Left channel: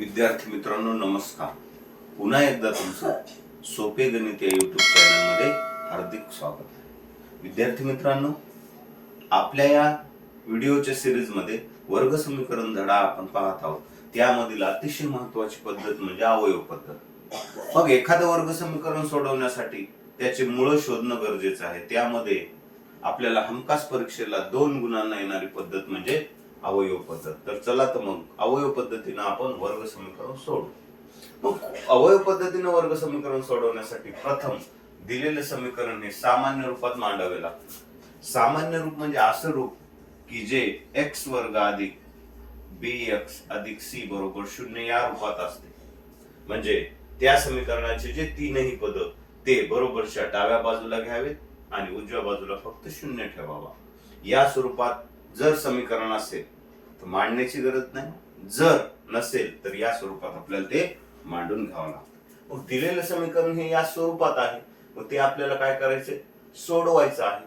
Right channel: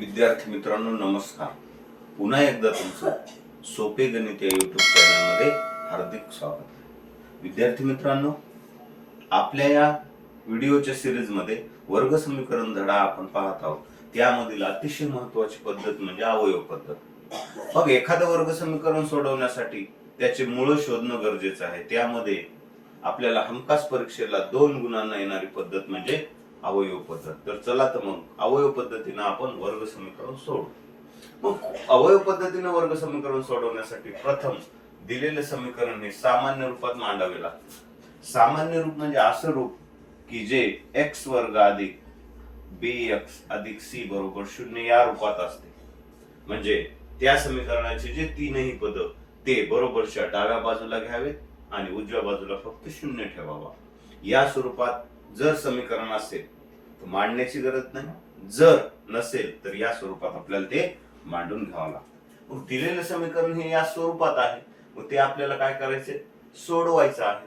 विद्यार्थी मित्रांनो नमस्कार. पुन्हा एकदा तुमचं सोपे गणित या युट्यूब चॅनलमध्ये हार्दिक स्वागत आहे. विद्यार्थी मित्रांनो, आपल्या या व्हिडिओच्या सिरीजमध्ये वर्ग समीकरण धडा आपण पाहत आहोत. त्यामधील अतिशय महत्त्वाची पद्धत म्हणजे अवयव पद्धत. मग एखादं वर्ग समीकरण सोडवण्यासाठी त्याचे मूळ शोधणं गरजेचं आहे. त्यामध्ये आपल्याला हमखास परीक्षेला 2 गुणांना येणारी पद्धत म्हणजे अवयव पद्धत. तर चला तर मग अवयव पद्धतीने आपण वर्ग समीकरण सोडवू. मग अवयव पद्धतीने वर्ग समीकरण सोडवण्यासाठी प्रथम दिलेले समीकरण हे सामान्य रूपात मांडावे लागते. सामान्य रूप म्हणजे असं रूप की जे x वर्ग अधिक bx अधिक c बरोबर 0 या रूपात असते. म्हणजे त्या समीकरणाचे जे तीनही पद ते बरोबरच्या डाव्या बाजूला घ्यावेत आणि उजव्या बाजूला फक्त 0 ठेवावा. या स्वरूपात जर समीकरण असेल तर मांडण्याची गरज नाही, जर नसेल तर या स्वरूपात आपल्याला ते मांडून घ्यावं लागतं. मग दिलेलं समीकरण हे या स्वरूपात आहे, मग ते आपल्याला काय करायचे, सोडवायचं आहे.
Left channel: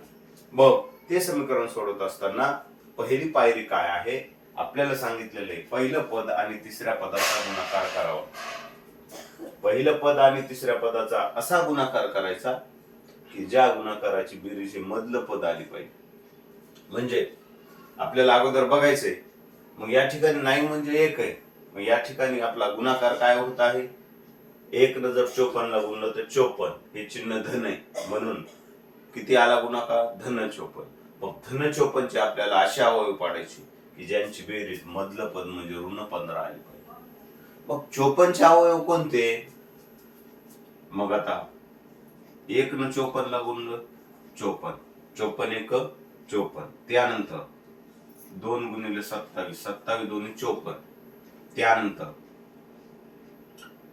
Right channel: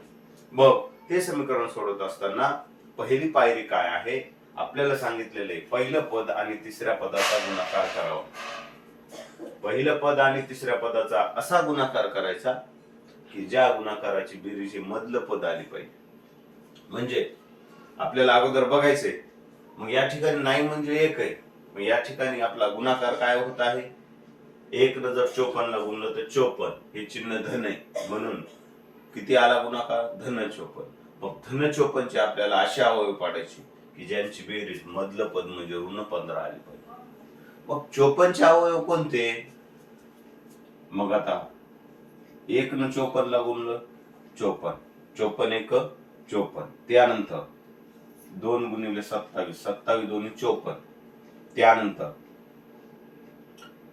मग ते समीकरण सोडवत असताना पहिली पायरी काय आहे, आपल्याला सांगितलेले पहिलं पद आणि तिसऱ्या पदाचा गुणाकार करावा. पहिलं पद आणि तिसऱ्या पदाचा असा गुणाकार करायचा की ज्या गुणाकाराची बेरीज मधलं पद आली पाहिजे. म्हणजे आपल्याला अगोदर बघायचंय, मग या ठिकाणी 9 म्हणजे 1 आहे. मग या ठिकाणी आपला गुणाकार काय होत आहे, 1 न जर 54 ला गुणलं तर 54, हे चिन्ह धन आहे म्हणून किती आला गुणाकार, धन 54. मग धन 54 चे आपल्याला अशा अवयव पाडायचे की ज्यांची बेरीज मधलं पद म्हणजे ऋण 15 आली पाहिजे. मग 54 चे अवयव कोणते, मग आता 1 न 54 ला गुणलं 54, 54 1 54. त्यानंतर 2 गुणिले 27, 27 दोन्ही 54. त्यानंतर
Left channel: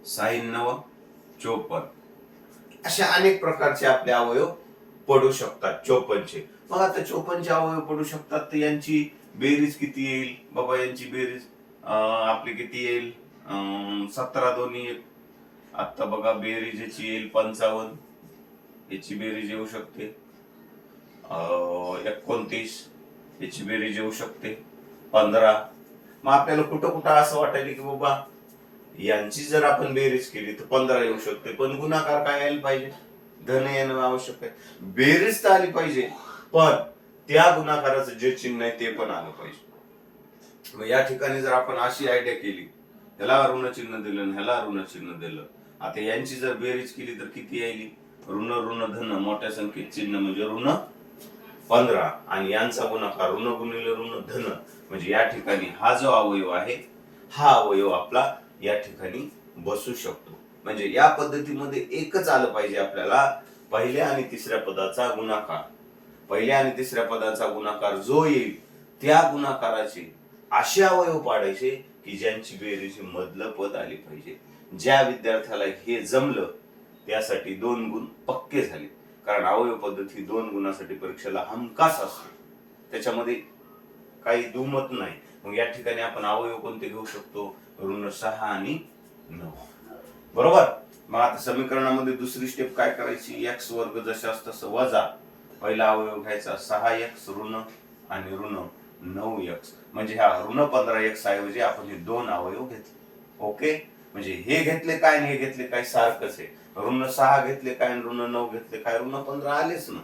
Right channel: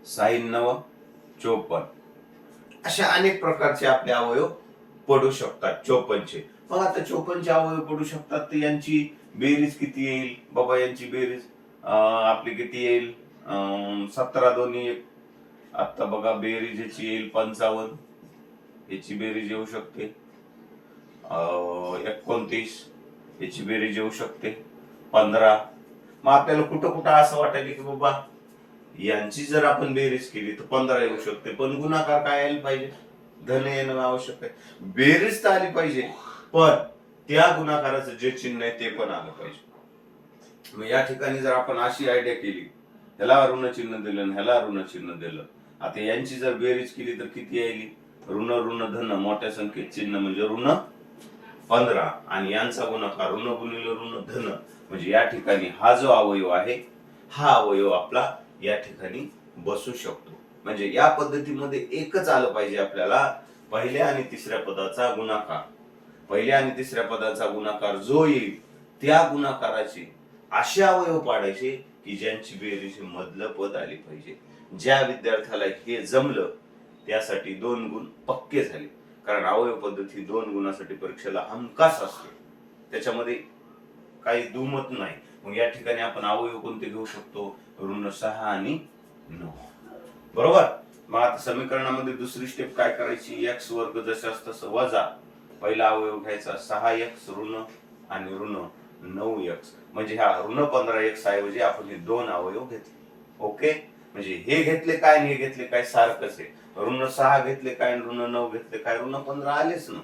6 9 54. अशा अनेक प्रकारचे आपले अवयव पडू शकतात 54 चे. मग आता 54 चे अवयव पडू शकतात तर यांची बेरीज किती येईल बाबा, यांची बेरीज आपली किती येईल, 17 दोन्ही 1. आता बघा बेरीज याची येईल 55, याची बेरीज येऊ शकते 29, याची बेरीज येऊ शकते 15. मग आपल्याला कुठं कुठं असं वाटायला की बाबा यांची जर आपण बेरीज केली तर 15 येऊ शकते, पण गुणाकार काय यायला पाहिजे, धन येणं आवश्यक आहे. बेरीज तर आली पाहिजे, पण त्या गुणाकाराचं जे चिन्ह आहे ते पण आलं पाहिजे. मग या ठिकाणी जर आपण अशी आयडिया केली, ह्याला ऋण चिन्ह दिलं आणि ह्याला ऋण चिन्ह दिलं, आता यांची जर बेरीज केली तर किती येईल, ऋण ऋण धन मोठ्या संख्येत चिन्ह म्हणजे ऋण 15 आणि यांचा गुणाकार ऋण गुणिले ऋण धन. म्हणजे या ठिकाणी हा जो अवयव आहे हा अवयव आपला या ठिकाणी बसू शकतो. म्हणजे या पद्धतीमध्ये एकच आलं पाहिजे आपल्याला, पहिल्या आणि तिसऱ्या पदाचा गुणाकार. पहिल्या आणि तिसऱ्या पदाचा गुणाकार जो येईल त्या गुणाकाराचे असे अवयव पाडायचे की ज्यांची बेरीज मधलं पद आली पाहिजे. ज्या विद्यार्थ्याला हे जमलं त्यासाठी 2 गुण पक्के झाले, कारण अवयव पद्धती 2 गुणासाठी परीक्षेला हमखास असते, त्याच्यामध्ये काही दुमत नाही. मग या ठिकाणी आपण अवयव कोणते घेऊ शकतो, ऋण 6 आणि 9. बरोबर. मग आता समीकरणामध्ये दुसरी स्टेप काय करायची, x वर्ग जशास तसं वजा पहिला अवयव घ्यायचा 6x ऋण आणि ऋण 9x. म्हणजे ह्या ऋण 15x ऐवजी आपण हे 2 अवयव घेतले. ओके, म्हणजे हे घेतले काय आणि हे घेतले काय सारखंच आहे. ऋण 6 घेतले काय आणि ऋण 9 घेतले काय, ऋण 15 आलेच ना,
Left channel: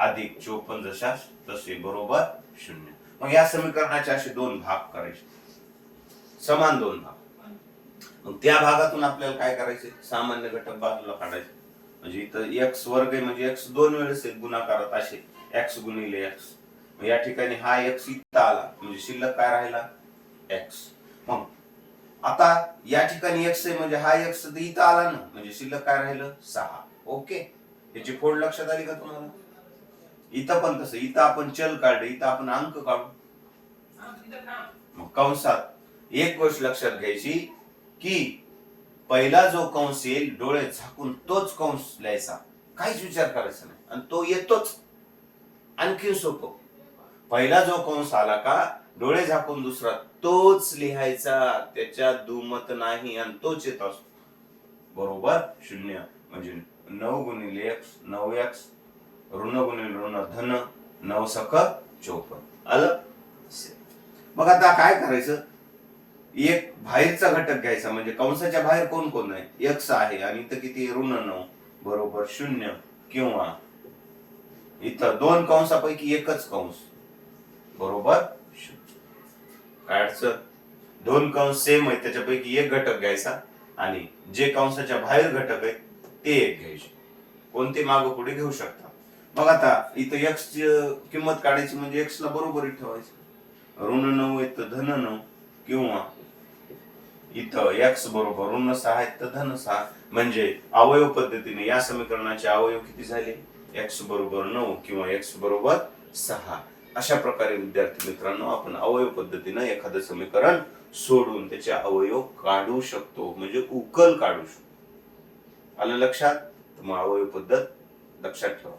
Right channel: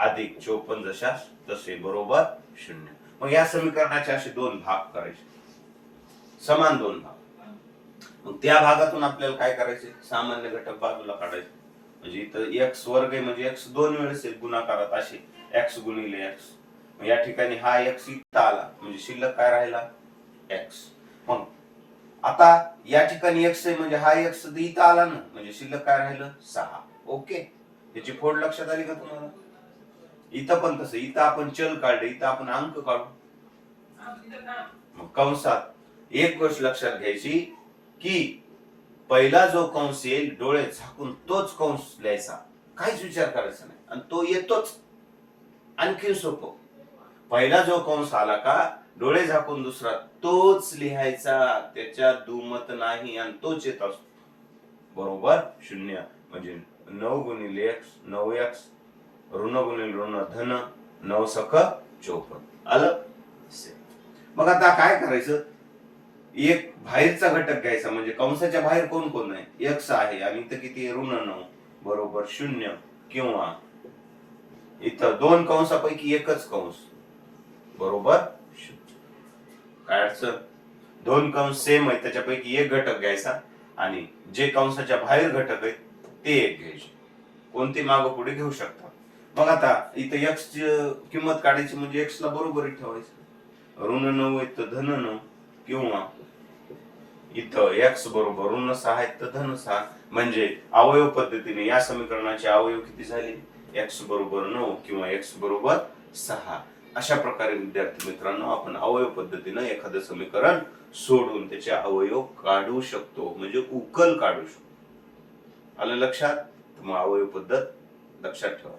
अधिक 54 जशास तसे बरोबर 0. मग या समीकरणाचे असे 2 भाग करायचे, समान 2 भाग. मग त्या भागातून आपल्याला काय करायचे, सामान्य घटक बाजूला काढायचे. म्हणजे इथं x वर्ग आहे म्हणजे x 2 वेळेस गुणाकारात असे x गुणिले x. या ठिकाणी हा x इथं आला म्हणजे शिल्लक काय राहिला x. मग आता या ठिकाणी x आहे म्हणजे हा x इथं आला ना, म्हणजे शिल्लक काय राहिलं 6. ओके, याची फोड लक्षात आली का तुम्हाला. इथं पण तसं, इथं आपण चल काढले, इथं आपण अंक काढू. मग कंसात एक गोष्ट लक्षात घ्यायची की पहिला जो कंस येईल डोळे झाकून तोच कंस लिहायचा, काहीच विचार करायचा नाही, आणि तो येतोच. आणखी सोपं, पहिला जो कंस आला का डोळे झाकून दुसरा तोच लिहायचा, त्याच्यात दुमत नाही, आणि तोच येत असतो बरोबर 0. म्हणजे 9 गुणिले x 9x ऋण गुणिले ऋण धन 9 सक 54 आलं. मग आता काय करायचं, एक बाहेरचा घटक घ्यायचा, म्हणजे कंसाच्या बाहेर कोण कोण आहे, एक्स आहे आणि इथं किती ऋण 9 बरोबर 0, किंवा इथं दोन कंसापैकी एकच कंस बरोबर 0. काय अडचण, दोन कंस सेम आहेत त्याच्यापैकी एक घटक घ्यायचा आणि जे कंसाच्या बाहेर घटक आहेत ते एक घ्यायचे, कोणते मागं पुढे घेऊ शकता. मग आता इथं एक्स ची किंमत काढायची म्हणजे एक्स ला बरोबरी ठेवायचं, ऋण 9 आहे तर धन 9, किंवा इथं एक्स बरोबर ऋण 6 आहेत तर धन 6, म्हणजे अवयव पद्धतीने या समीकरणाचे अवयव किती झाले, एक्स बरोबर 9 किंवा एक्स बरोबर 6. अशा प्रकारे विद्यार्थी मित्रांनो आपण अवयव पद्धतीने एखादं समीकरण सोडून त्याचे अवयव काढू शकतो, म्हणजे उकल काढू शकतो. आलं लक्षात, मग अवयव पद्धत लक्षात ठेवा.